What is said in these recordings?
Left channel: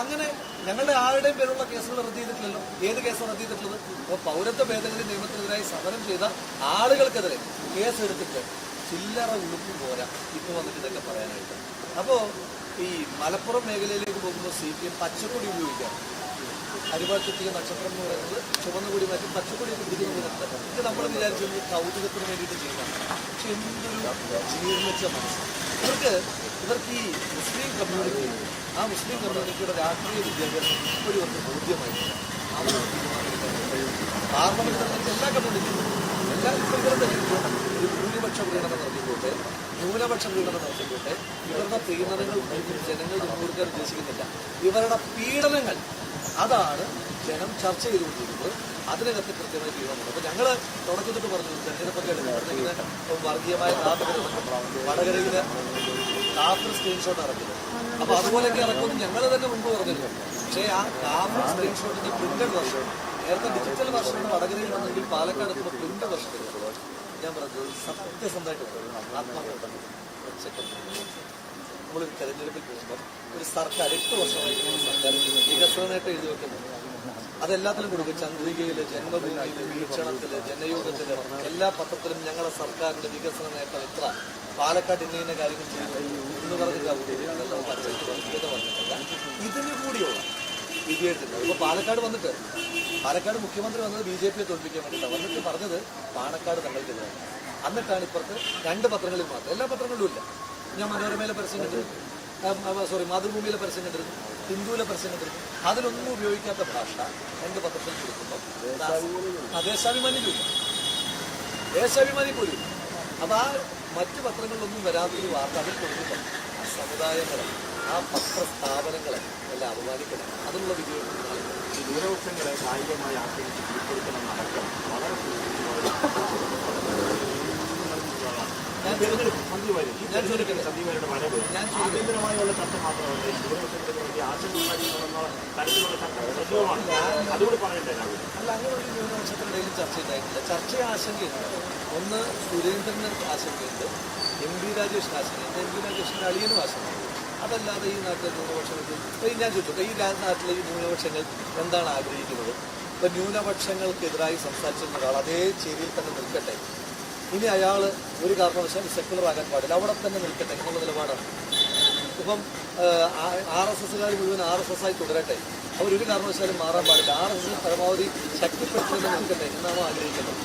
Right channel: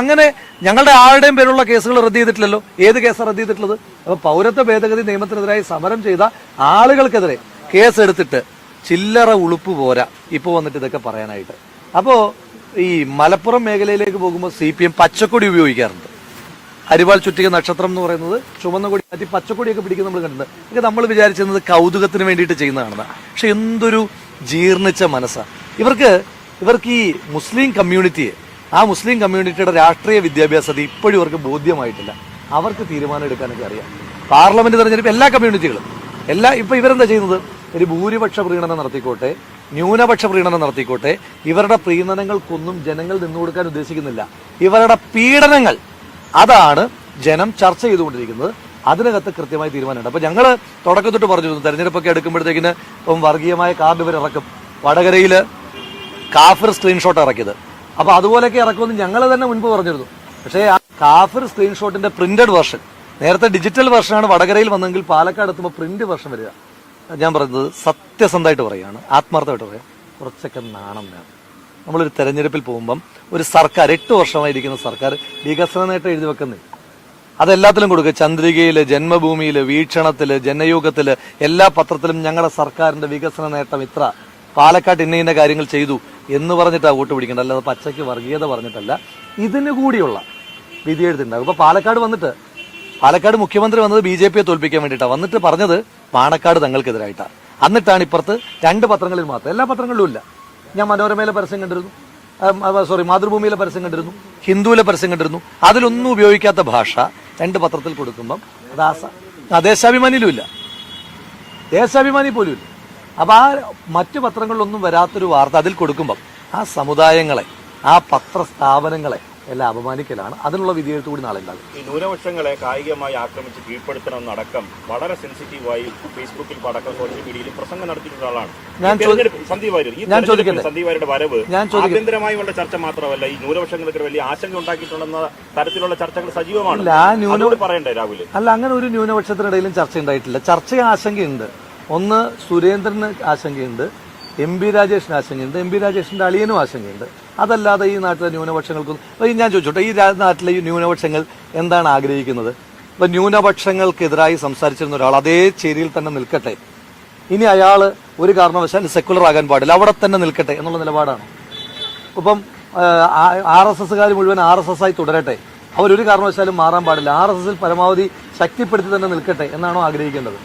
അങ്ങനെ ഞങ്ങളുടെ ആരുടെയും പേരുള്ള കേസുകൾ റദ്ദ് ചെയ്തിട്ടില്ലല്ലോ. ഏത് കേസാണ് റദ്ദ് ചെയ്തിട്ടുള്ളത്? അപ്പൊ പൗരത്വ ഭേദഗതി നിയമത്തിനെതിരായി സമരം ചെയ്ത ആളുകൾക്കെതിരെ കേസ് എടുത്തിട്ട് ചില്ലറ ഉളുപ്പ് പോരാ. ഇപ്പൊ വന്നിട്ട് ഇതൊക്കെ പറയാനായിട്ട്. അപ്പോ ഈ മലപ്പുറം മേഖലയിലേക്ക് പോകുമ്പോൾ സി പി എം പച്ചക്കൊടി ഉപയോഗിക്കാറുണ്ട്. അരിവാൾ ചുറ്റിക നക്ഷത്രം എന്ന് പറയുന്നത് ചുമന്ന കൊടി മാറ്റി പച്ചക്കൊടിയൊക്കെ പിടിക്കുന്ന നമ്മൾ കണ്ടിട്ടുണ്ട്. ഇതൊക്കെ നമ്മൾ വിചാരിച്ചിരുന്നത് കൗതുകത്തിന് വേണ്ടിയിട്ട് ചെയ്യുന്നതാണെന്ന്. പക്ഷെ എന്തൊരു ജീർണിച്ച മനസ്സാണ് ഇവർക്ക് ഇവർക്ക് ഈ മുസ്ലിം കമ്മ്യൂണിറ്റിയെ ആ മുസ്ലിം കമ്മ്യൂണിറ്റിയുടെ രാഷ്ട്രീയ വിദ്യാഭ്യാസത ഇപ്പോഴും ഇവർക്ക് ബോധ്യമായിട്ടില്ല. അവർക്ക് തീരുമാനം എടുക്കാനൊക്കെ അറിയാം. പാർലമെന്റ് തെരഞ്ഞെടുപ്പ് എല്ലാ കമ്മ്യൂണിറ്റികളും. എല്ലാ ഇപ്പൊ ഇവരെന്താ ചെയ്യുന്നത്? ഒരു ഭൂരിപക്ഷ പ്രീണനം നടത്തിക്കോട്ടെ ന്യൂനപക്ഷ പ്രീണനം നടത്തിക്കോട്ടെ ഇവരുടെ പ്രീണനങ്ങൾക്കൊന്നും ജനങ്ങൾ നിന്നു കൊടുക്കാൻ ഉദ്ദേശിക്കുന്നില്ല. ഇവരുടെ പീഡനങ്ങൾ അതാണ് ജനം ചർച്ച ചെയ്തുകൊണ്ടിരിക്കുന്നത്. അതിനകത്ത് കൃത്യമായ തീരുമാനമുണ്ട്. അപ്പോൾ ഞങ്ങൾ തുടക്കത്തൊട്ട് പറഞ്ഞിരുന്നു തെരഞ്ഞെടുപ്പൊക്കെ എടുക്കുമ്പോഴത്തേക്കിന് ഇപ്പം വർഗീയമായ കാർഡ് ഇവർ ഇറക്കും വടകരയിൽ കാഫിർ സ്ക്രീൻഷോട്ട് ഇറക്കിയത്. അപ്പൊ അതുപോലെയൊക്കെ ഇറക്കുമെന്ന് ഞങ്ങൾ തന്നെ മുൻപ് പറഞ്ഞിരുന്നു. പക്ഷേ ആ കാഫർ സ്ക്രീൻഷോട്ടിന്റെ പ്രിന്റഡ് വെർഷൻ നേരത്തെ ഡിജിറ്റൽ വെർഷനാണ് വടകരയിൽ വന്നെങ്കിൽ പാലക്കാട് എത്തുമ്പോൾ പ്രിന്റ് വെർഷൻ വരിക. ഞാൻ പറഞ്ഞത് സത്യസന്ധമായിട്ട് പറയുകയാണ് ആത്മാർത്ഥമായിട്ട് പറയാം കുറച്ചൊക്കെ നാണം വേണം. നമ്മളൊരു തെരഞ്ഞെടുപ്പിൽ പോകുമ്പം ഒരു സർക്കാർ എട്ട് വർഷമായിരിക്കുന്ന സർക്കാർ വികസന നേട്ടം എഴുതി വെക്കുന്നേ. അതെല്ലാത്തിലും കൊടുക്കുക. ചന്ദ്രികയിൽ ജന്മഭൂമിയിൽ വീക്ഷണത്തിൽ ജനയോഗത്തിൽ എല്ലാ പത്രത്തിലും ഞങ്ങളുടെ സർക്കാരിന്റെ വികസന നേട്ടം ഇത്ര. പാലക്കാട് ഇന്ന ഇന്ന കാര്യങ്ങൾ ചെയ്തു എന്ന് പറഞ്ഞിട്ടാണ് വോട്ട് പിടിക്കേണ്ടത്. അല്ലാതെ പച്ചയ്ക്ക് വർഗീയത പറഞ്ഞിട്ടല്ല. ഇതിന് കൂടിയുള്ള വിധി എഴുതിണ്ടാവും അപ്പൊ പാലക്കാട് വന്നിട്ട് പാലക്കാട് മുഖ്യമന്ത്രി വന്നത് ബി ജെ പിയെ തോൽപ്പിക്കാൻ വേണ്ടിയിട്ടാണ് വന്നിട്ട് പറഞ്ഞത് പാണക്കാട് തങ്ങൾക്കെതിരായിട്ടാണ് എന്നിട്ടാണ് ഇപ്പുറത്ത് രണ്ട് പത്രങ്ങളിൽ മാത്രം എല്ലാ പത്രങ്ങളിലും ഇല്ല. ഞാൻ മനോരമയിലെ പരസ്യം കണ്ടിരുന്നു. സോറി മാതൃഭൂമിയിലെ പരസ്യം കണ്ടിരുന്നു. ഹിന്ദുവിലെ പരസ്യം കണ്ടിരുന്നു. അതിലൊന്നും ഉപയോഗിക്കാത്ത ഭാഷ രണ്ട് പത്രത്തിൽ കൊടുക്കുമ്പം ദാസ. ദേശാഭിമാനിയിലും ഇല്ല. ദേശാഭിമാനി പോലും ഇല്ല. അപ്പൊ ആ മറ്റു പത്രങ്ങളിലൊന്നും വരാത്തൊരു വാർത്ത അതിൽ കൊടുക്കുമ്പം ആ സമുദായങ്ങളെ ആ പത്രസ്ഥാപനങ്ങളെ എല്ലാം അപമാനിക്കലാണ്. അതിനുള്ള വിധിയെഴുത്ത് കൂടി നാളെ ന്യൂനപക്ഷങ്ങളെ കായികമായി ആക്രമിച്ച് കീഴ്പ്പെടുത്തണമെന്നടക്കം വളരെ സെൻസിറ്റീവായി ഫേസ്ബുക്കിൽ അടക്കം സോഷ്യൽ മീഡിയയിൽ പ്രസംഗം നടത്തിയിട്ടുള്ള ആളാണ്. ഞാൻ ചോദിക്കട്ടെ? സന്ദീപ് വരവ് ആഭ്യന്തരമായുള്ള ചർച്ച മാത്രമല്ല ഈ ന്യൂനപക്ഷങ്ങൾക്ക് വലിയ ആശങ്ക ഉണ്ടാക്കിയിട്ടുണ്ടെന്ന തരത്തിലുള്ള ചർച്ചകൾ സജീവമാണ്. പറയണ്ടേ രാഹുൽ അല്ല അങ്ങനെ ഒരു ന്യൂനപക്ഷത്തിനിടയിലും ചർച്ച ഉണ്ടായിട്ടില്ല. ചർച്ച ആശങ്കയുണ്ട്. ഒന്ന് സുരേന്ദ്രന് ആശങ്കയുണ്ട് എം പി രാജേഷിന് ആശങ്കയുണ്ട് എം പി രാജേഷിന്റെ അളിയനും ആശങ്കയുണ്ട്. അതല്ലാതെ ഈ നാട്ടിലെ ന്യൂനപക്ഷങ്ങൾക്കും ഞാൻ ചോദിച്ചോട്ടെ ഈ നാട്ടിലെ ഈ ന്യൂനപക്ഷങ്ങൾ എന്താണ് ആഗ്രഹിക്കുന്നത്? ഇപ്പം ന്യൂനപക്ഷങ്ങൾക്കെതിരായി സംസാരിച്ചിരുന്ന ഒരാൾ അതേ ചേരിയിൽ തന്നെ നിൽക്കട്ടെ. ഇനി അയാൾ ഒരു കാരണവശാൽ സെക്കുലർ ആകാൻ പാടില്ല അവിടെ തന്നെ നിൽക്കട്ടെ എന്നുള്ള നിലപാടാണ്. ഇപ്പം ആർ എസ് എസ്സുകാർ മുഴുവൻ ആർ എസ് എസ് ആയി തുടരട്ടെ. അവരൊരു കാരണവശാലും മാറാൻ പാടില്ല ആർ എസ് എസിൽ പരമാവധി ശക്തിപ്പെടുത്തി തന്നെ നിൽക്കട്ടെ എന്നാണോ ആഗ്രഹിക്കേണ്ടത്?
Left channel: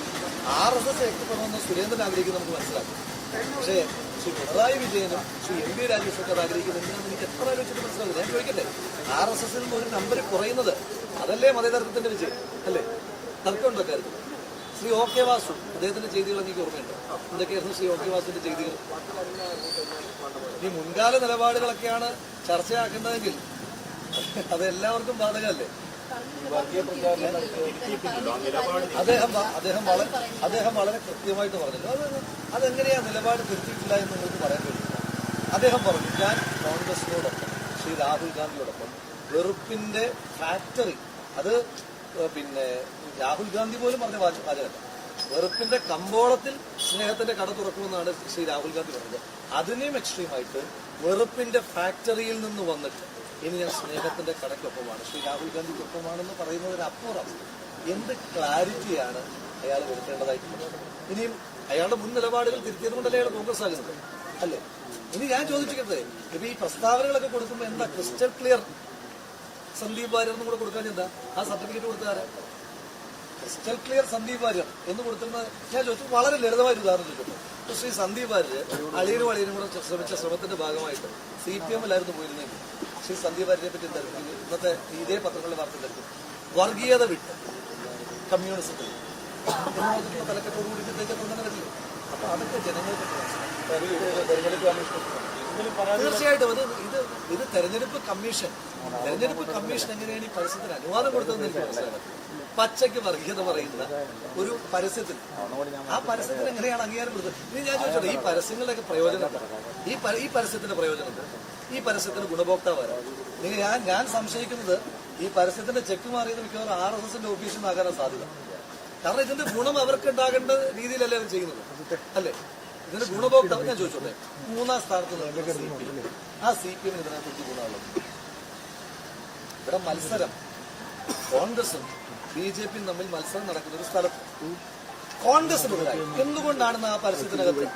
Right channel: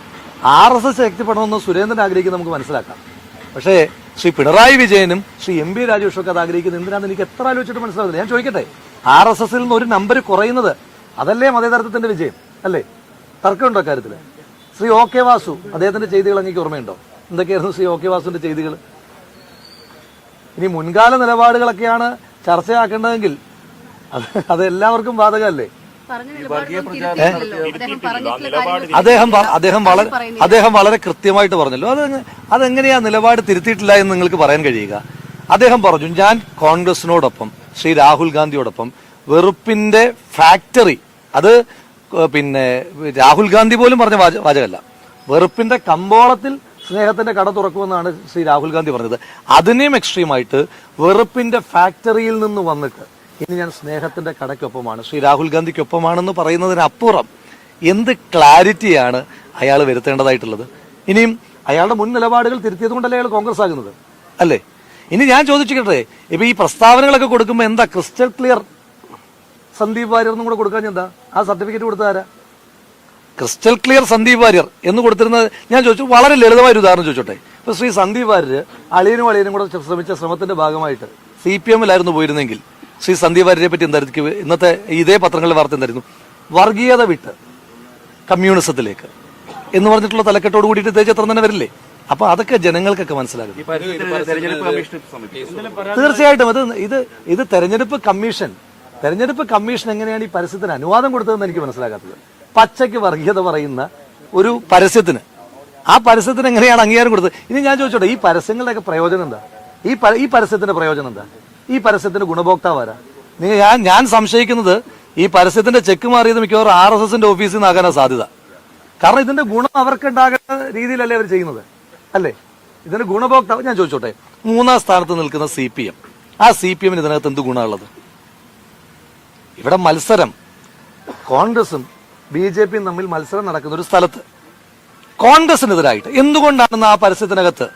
ആർ എസ് എസ് ശക്തിപ്പെടണമെന്ന് സുരേന്ദ്രൻ ആഗ്രഹിക്കുന്നത് നമുക്ക് മനസ്സിലാക്കാം. പക്ഷേ ശ്രീ പിണറായി വിജയനും ശ്രീ എം പി രാജേഷും ഒക്കെ അത് ആഗ്രഹിക്കുന്നത് എന്തിനാണെന്ന് എനിക്ക് എത്ര ആലോചിച്ചിട്ട് മനസ്സിലാവുന്നില്ല. ഞാൻ ചോദിക്കട്ടെ ആർ എസ് എസിൽ നിന്ന് ഒരു നമ്പർ കുറയുന്നത് അതല്ലേ മതേതരത്വത്തിന്റെ വിജയം അല്ലേ? തർക്കമുണ്ടോ കാര്യത്തിൽ ശ്രീ ഒ കെ വാസു അദ്ദേഹത്തിന്റെ ചെയ്തികൾ അങ്ങേക്ക് ഓർമ്മയുണ്ടോ? എന്തൊക്കെയായിരുന്നു ശ്രീ ഒ കെ വാസുവിന്റെ ചെയ്തികൾ? ഇനി മുൻകാല നിലപാടുകളൊക്കെയാണ് ചർച്ചയാക്കേണ്ടതെങ്കിൽ അത് അത് എല്ലാവർക്കും ബാധകമല്ലേ? അദ്ദേഹം അദ്ദേഹം വളരെ അദ്ദേഹം വളരെ കൃത്യമായിട്ട് പറഞ്ഞല്ലോ. അത് അതെങ്ങനെയാ നിലപാട് തിരുത്തിയിട്ടില്ല എന്ന് നിങ്ങൾക്ക് പറയാൻ കഴിയുക? അദ്ദേഹം പറഞ്ഞു ഞാൻ കോൺഗ്രസിനോടൊപ്പം ശ്രീ രാഹുൽ ഗാന്ധിയോടൊപ്പം വെറുപ്പിന്റെ ഫാക്ടറി അത് പിന്നെ രാഹുൽ ഗാന്ധി പോലും പറഞ്ഞ വാച- വാചകമല്ല. വെറുപ്പിന്റെ കമ്പോളത്തിൽ സ്നേഹത്തിന്റെ കട തുറക്കുമെന്നാണ് ശ്രീ രാഹുൽ ഗാന്ധി പറഞ്ഞത്. അതിനെയും എക്സ്ട്രീമായിട്ട് വെറുപ്പിന്റെ ഫാക്ടറിയിൽ നിന്ന് വന്നിട്ട് ഇനി ഞാൻ സ്നേഹത്തിന്റെ കടയ്ക്കൊപ്പമാണ്. ശ്രീ രാഹുൽ ഗാന്ധിക്കൊപ്പമാണെന്ന് പറയുന്നതിനപ്പുറം എന്ത് ക്ലാരിറ്റിയാണ് അയാൾ വരുത്തേണ്ടതായിട്ടുള്ളത്? ഇനിയും അയാളുടെ മുൻ നിലപാടുകൾ തിരുത്തിയത് കൊണ്ടല്ലേ അയാൾ കോൺഗ്രസ് ആകുന്നത് അല്ലേ? ഇനി ഞാൻ ചോദിച്ചിട്ടെ ഇപ്പൊ ഈ പ്രസ്താവനകളൊക്കെ കൊടുക്കുമ്പോൾ എന്താ ക്രിസ്റ്റൽ ക്ലിയർ? സന്ദീപ് വാര്യർ എന്നും കൂടെ കൊടുക്കാൻ എന്താ? ആ സർട്ടിഫിക്കറ്റ് കൊടുത്താരാ ക്രിസ്റ്റൽ ക്ലിയർ സന്ദീപ് വാര്യർ എന്ന് കൊടുത്തിരുന്നത് ഞാൻ ചോദിച്ചു വളരെ ലളിതമായ ഒരു ഉദാഹരണം ചോദിച്ചോട്ടെ. ഇപ്പൊ ശ്രീ സന്ദീപ് വാര്യർ അളിയനും അളിയനും കൂടെ ശ്രമിച്ച ശ്രമത്തിന്റെ ഭാഗമായിട്ട് സി പി എമ്മിലായിരുന്നു പോയിരുന്നെങ്കിൽ ശ്രീ സന്ദീപ് വാര്യരെ പറ്റി എന്തായിരിക്കും? ഇന്നത്തെ ഇതേ പത്രങ്ങളിൽ വാർത്ത എന്തായിരുന്നു വർഗീയത വിട്ട് കമ്മ്യൂണിസത്തിലേക്ക് എന്ന് പറഞ്ഞിട്ടുള്ള തലക്കെട്ടോട് കൂടിയിട്ട് ഇതേ ചിത്രം തന്നെ വരില്ലേ? അപ്പൊ അതൊക്കെ ജനങ്ങൾക്കൊക്കെ മനസ്സിലായി. തീർച്ചയായിട്ടും. അത് ഇത് ഇത് തെരഞ്ഞെടുപ്പ് കമ്മീഷൻ തെരഞ്ഞെടുപ്പ് കമ്മീഷൻ എങ്ങനെയാണ് ഈ പരസ്യത്തിന് അനുവാദം കൊടുത്തതെന്ന് എനിക്ക് മനസ്സിലാകാത്തത്. പച്ചയ്ക്ക് വർഗീയത പറയുന്ന ഒരു പരസ്യത്തിന്. ആ പരസ്യത്തിന് എങ്ങനെയാണ് അംഗീകാരം കൊടുത്തത്? ഇനി ഞാൻ ചോദിച്ചോട്ടെ ഈ പരസ്യങ്ങളുടെയൊക്കെ പ്രയോജനം എന്താ? ഈ ഈ പരസ്യത്തിന്റെ പ്രയോജനം എന്താ? ഈ പരസ്യത്തിന്റെ ഗുണഭോക്താവ് നിങ്ങൾ ഞാൻ ഞാൻ സംശയിക്കുന്നത് ഈ പരസ്യത്തിന്റെ ചെക്ക് മാറിയത് മിക്കവാറും ആർ എസ് എസിന്റെ ഓഫീസിൽ നിന്നാകാനാ സാധ്യത. കാരണം ഇതിന്റെ ഗുണം അവർക്ക് ഉണ്ടാകേണ്ട രീതിയിലല്ലേ അവർ ചെയ്യുന്നത്? അല്ലേ? ഇതിന്റെ ഗുണഭോക്താവ് ഞാൻ ചോദിച്ചോട്ടെ മൂന്നാം സ്ഥാനത്ത് നിൽക്കുന്ന സി പി എം. ആ സി പി എമ്മിന് ഇതിനകത്ത് എന്ത് ഗുണമുള്ളത് ഇവിടെ മത്സരം. കോൺഗ്രസും ബി ജെ പിയും തമ്മിൽ മത്സരം നടക്കുന്ന ഒരു സ്ഥലത്ത്. കോൺഗ്രസിനെതിരായിട്ട് എന്തുകൊണ്ടാണെന്ന് ആ പരസ്യത്തിനകത്ത്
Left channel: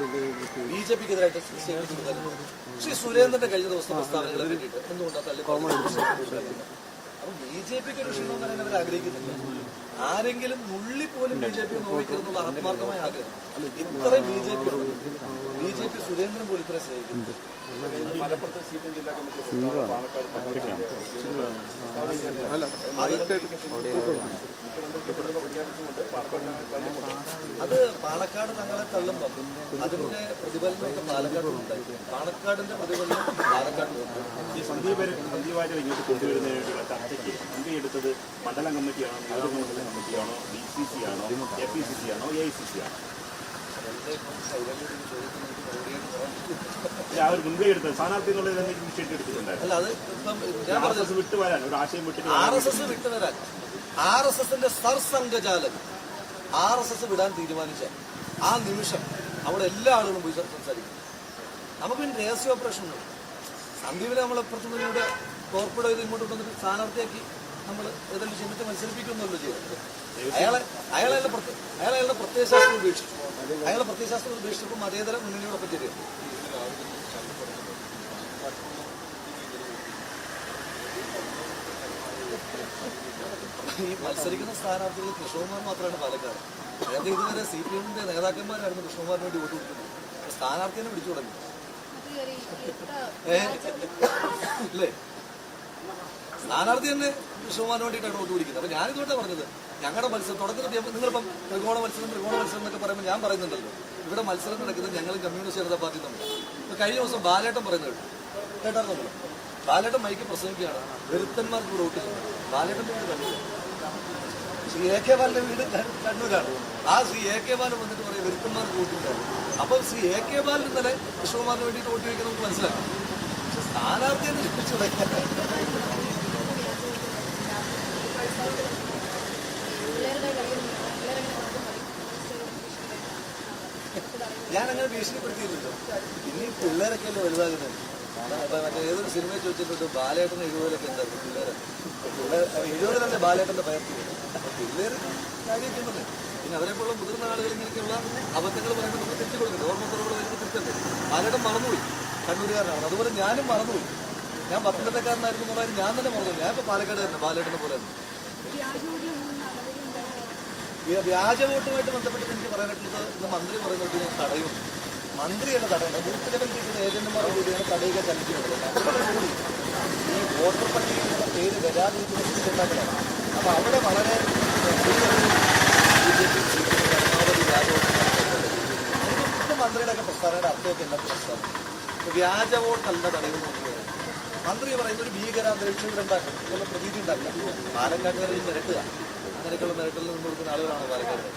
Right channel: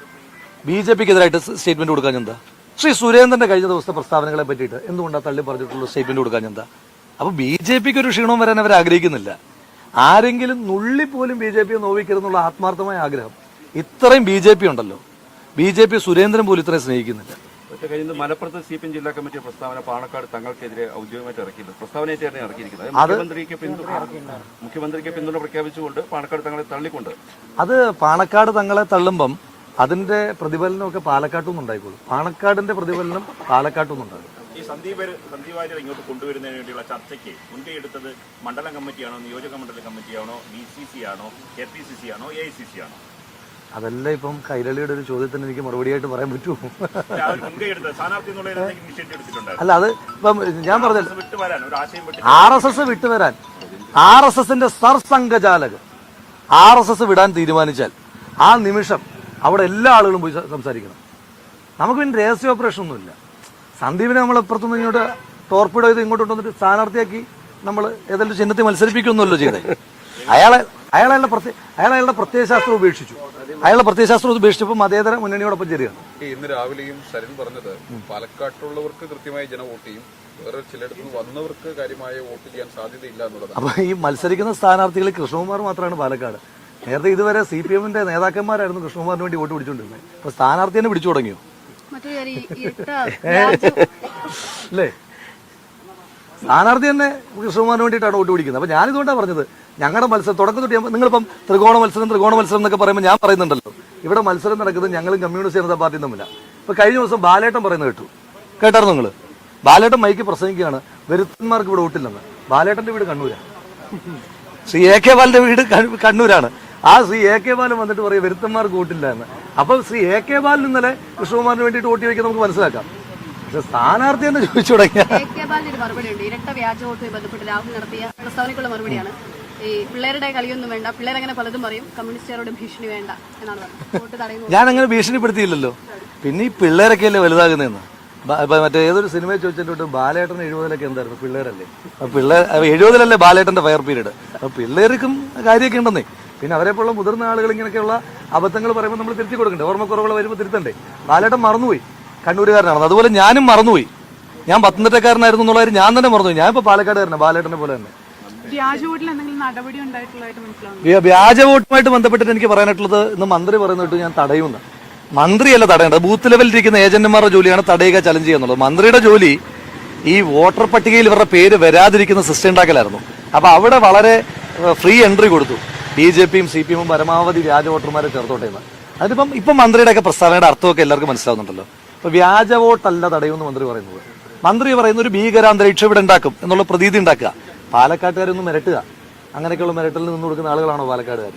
ബി ജെ പിക്ക് എതിരായിട്ട് സ്റ്റേറ്റ്മെന്റ് കൊടുക്കാൻ ശ്രീ സുരേന്ദ്രന്റെ കഴിഞ്ഞ ദിവസത്തെ പ്രസ്താവനകളെ പറ്റിയിട്ട് എന്തുകൊണ്ടാണ് തള്ളി പറഞ്ഞിട്ടുള്ള സ്റ്റേറ്റ്മെന്റ് കൊടുക്കാൻ എന്താ? അപ്പൊ ബി ജെ പിക്ക് ഒരു ക്ഷീണവും വരാൻ അവർ ആഗ്രഹിക്കുന്നില്ല. ആരെങ്കിലും നുള്ളി പോലും ബി ജെ പിയെ നോവിക്കരുന്നുള്ള ആത്മാർത്ഥമായ ആഗ്രഹം. ഇത്രയും ബി ജെ പി ഉണ്ടല്ലോ. ബി ജെ പി സുരേന്ദ്രൻ പോലും ഇത്രയും സ്നേഹിക്കുന്നില്ല. കഴിഞ്ഞ മലപ്പുറത്ത് സി പി ജില്ലാ കമ്മിറ്റി പ്രസ്താവന പാണക്കാട് തങ്ങൾക്കെതിരെ ഔദ്യോഗികമായിട്ട് ഇറക്കിയിട്ടുണ്ട്. പ്രസ്താവനയായിട്ടാണ് ഇറക്കിയിരിക്കുന്നത് മുഖ്യമന്ത്രിക്ക് പിന്തുണ മുഖ്യമന്ത്രിക്ക് പിന്തുണ പ്രഖ്യാപിച്ചുകൊണ്ട് പാണക്കാട് തങ്ങളെ തള്ളിക്കൊണ്ട്. അത് പാണക്കാട് തങ്ങളെ തള്ളുമ്പം അതിന്റെ പ്രതിഫലനമൊക്കെ പാലക്കാട്ടും ഉണ്ടായിക്കോളും. പാണക്കാടിന്റെ പ്രതിഫലനം പാലക്കാട്ടും ഉണ്ട് ഈ സന്ദീപ് ഇങ്ങോട്ട് മുൻകൈയെടുത്തത് മണ്ഡലം കമ്മിറ്റിയാണോ നിയോജക മണ്ഡലം കമ്മിറ്റിയാണോ ബി സി സി ആണോ എ പി സി സി ആണോ എ ഐ സി സി ആണോ? അതെല്ലാം ഇപ്പം കൈരളിയുടെ ഒരു ചോദ്യത്തിന് എനിക്ക് മറുപടിയായിട്ട് പറയാൻ പറ്റുമോ? എടുത്തത് അല്ല അത് ഇപ്പം ഞാൻ പറഞ്ഞ അത് ഒരു ആശയം വിട്ട് ആർ എസ് എസ് വിട്ടുവരാൻ ആർ എസ് എസിന്റെ സർസംഘചാലകൻ ആർ എസ് എസ് വിടാൻ തീരുമാനിച്ചാൽ ആ നിമിഷം അവിടെ എല്ലാ ആളുകളും പോയി സംസാരിക്കണം. നമുക്ക് പിന്നെ രഹസ്യ ഓപ്പറേഷൻ ഒന്നുമില്ല. സന്ദീപിനെ നമ്മൾ ഇപ്പുറത്തുനിന്ന് ഇങ്ങോട്ട് ടോർപ്പിഡോ ചെയ്ത് ഇങ്ങോട്ട് കൊണ്ടുവന്നിട്ട് സ്ഥാനാർത്ഥിയാക്കി നമ്മൾ ഏതെങ്കിലും ചിഹ്നത്തിൽ മത്സരിപ്പിക്കൊന്നുമല്ലോ ചെയ്തത് അയാളെ അയാളെ പ്രത്യേക അയാൾ അയാളുടെ പ്രത്യയശാസ്ത്രം ഉപേക്ഷിച്ചു. അയാളുടെ പ്രത്യയശാസ്ത്രം ഉപേക്ഷിച്ചപ്പോൾ മതേതര മുന്നണിയോടൊപ്പം ചെറിയ ഇന്ന് രാവിലെയും ശരൺ പറഞ്ഞത് പാലക്കാട്ടുള്ളവർക്ക് കൃത്യമായി ജനം വോട്ട് ചെയ്യും. വേറെ ചിലയിടത്ത് വന്നവർക്ക് കാര്യമായ വോട്ട് ചെയ്യാൻ സാധ്യതയില്ല അപ്പൊ ഈ മത്സരിക്കുന്ന സ്ഥാനാർത്ഥികൾ കൃഷ്ണകുമാർ മാത്രമാണ് പാലക്കാട്. നേരത്തെ ഇതുവരെ സി പി എമ്മിന്റെ നേതാക്കന്മാരായിരുന്നു കൃഷ്ണകുമാറിന് വേണ്ടി വോട്ട് പിടിച്ചുകൊണ്ടിരുന്നത് ഇപ്പൊ തന്നെ പിടിച്ചു തുടങ്ങിയോ? അല്ലേ? സ്ഥാനാർത്ഥി തന്നെ കൃഷ്ണകുമാറിന് വേണ്ടിയിട്ടാണ് വോട്ട് പിടിക്കുന്നത്. അപ്പൊ ഞാനിതുകൊണ്ടാണ് പറഞ്ഞത് ഞങ്ങളുടെ മത്സരം തുടക്കം തൊട്ട് നിങ്ങളിപ്പം ത്രികോണ മത്സരം ത്രികോണ മത്സരം എന്നൊക്കെ പറയുമ്പോൾ ഞാൻ പറയുന്നുണ്ടല്ലോ. ഇവിടെ മത്സരം നടക്കുന്നത് ഞങ്ങളും കമ്മ്യൂണിസ്റ്റ് ജനതാ പാർട്ടിയും തമ്മിലാണ് ഇപ്പൊ കഴിഞ്ഞ ദിവസം ബാലേട്ടൻ പറയുന്നത് കേട്ടു. കേട്ടായിരുന്നു നിങ്ങൾ ബാലേട്ടൻ മൈക്ക് പ്രസംഗിക്കുകയാണ് വെരുത്തന്മാർക്ക് ഇവിടെ വോട്ടില്ലെന്ന്. ബാലേട്ടന്റെ വീട് കണ്ണൂരാണ് ശ്രീ എ കെ ബാലിന്റെ വീട് കണ്ണൂ- കണ്ണൂരാണ്. ആ ശ്രീ എ കെ ബാലൻ വന്നിട്ട് പറയും വരുത്തന്മാർ വോട്ടില്ല എന്ന്. അപ്പൊ ശ്രീ എ കെ ബാലൻ ഇന്നലെ കൃഷ്ണകുമാറിന് വേണ്ടിയിട്ട് വോട്ട് ചോദിക്കാൻ നമുക്ക് മനസ്സിലാക്കാം. പക്ഷെ സ്ഥാനാർത്ഥി എന്ന് ചോദിച്ചു തുടങ്ങിയ ഞാൻ അങ്ങനെ ഭീഷണിപ്പെടുത്തിയില്ലല്ലോ. പിന്നെ ഈ പിള്ളേരൊക്കെ അല്ലേ വലുതാകുന്നതെന്ന്? മറ്റേ ഏതൊരു സിനിമയിൽ ചോദിച്ചിട്ട് ബാലേട്ടൻ എഴുപതിലൊക്കെ എന്തായിരുന്നു? പിള്ളേരല്ലേ. പിള്ളേർ എഴുപതിലല്ലേ ബാലേട്ടന്റെ ഫയർ പീരീഡ്? അപ്പൊ പിള്ളേർക്കും കാര്യമൊക്കെ ഉണ്ടെന്നേ. പിന്നെ അവരെ പോലുള്ള മുതിർന്ന ആളുകൾ ഇങ്ങനെയൊക്കെയുള്ള അബദ്ധങ്ങൾ പറയുമ്പോൾ നമ്മൾ തിരുത്തി കൊടുക്കണ്ടേ? ഓർമ്മക്കുറവുകൾ വരുമ്പോൾ തിരുത്തണ്ടേ? ബാലേട്ടൻ മറന്നുപോയി. കണ്ണൂരുകാരനാണ് അതുപോലെ ഞാനും മറന്നുപോയി. ഞാൻ പത്തനംതിട്ടക്കാരനായിരുന്നു എന്നുള്ള കാര്യം ഞാൻ തന്നെ മറന്നുപോയി. ഞാൻ ഇപ്പൊ പാലക്കാടുകാരനാണ് ബാലേട്ടനെ പോലെ തന്നെ. വ്യാജ വോട്ടുമായിട്ട് ബന്ധപ്പെട്ടിട്ട് എനിക്ക് പറയാനായിട്ടുള്ളത് ഇന്ന് മന്ത്രി പറയുന്നിട്ട് ഞാൻ തടയുമെന്ന് മന്ത്രിയല്ല തടയേണ്ടത്. ബൂത്ത് ലെവലിൽ ഇരിക്കുന്ന ഏജന്റുമാരുടെ ജോലിയാണ് തടയുക ചലഞ്ച് ചെയ്യുന്നത് മന്ത്രിയുടെ ജോലി ഈ വോട്ടർ പട്ടികയിൽ ഇവരുടെ പേര് വരാതിരിക്കുന്ന സിസ്റ്റം ഉണ്ടാക്കലായിരുന്നു. അപ്പൊ അവിടെ വളരെ ഫ്രീ എൻട്രി കൊടുത്തു. ബി ജെ പിയും സി പി എമ്മും പരമാവധി വ്യാജ വോട്ടർമാരെ ചേർത്തോട്ടെ. അതിപ്പം ഇപ്പം മന്ത്രിയുടെ ഒക്കെ പ്രസ്താവനയുടെ അർത്ഥമൊക്കെ എല്ലാവർക്കും മനസ്സിലാവുന്നുണ്ടല്ലോ. അപ്പൊ വ്യാജ വോട്ടല്ല തടയുമെന്ന് മന്ത്രി പറയുന്നത്. മന്ത്രി പറയുന്ന ഒരു ഭീകരാന്തരീക്ഷം ഇവിടെ ഉണ്ടാക്കും എന്നുള്ള പ്രതീതി ഉണ്ടാക്കുക. പാലക്കാട്ടുകാരൊന്നും മിരട്ടുക. അങ്ങനെയൊക്കെയുള്ള മിരട്ടലിൽ നിന്ന് കൊടുക്കുന്ന ആളുകളാണോ പാലക്കാടുകാർ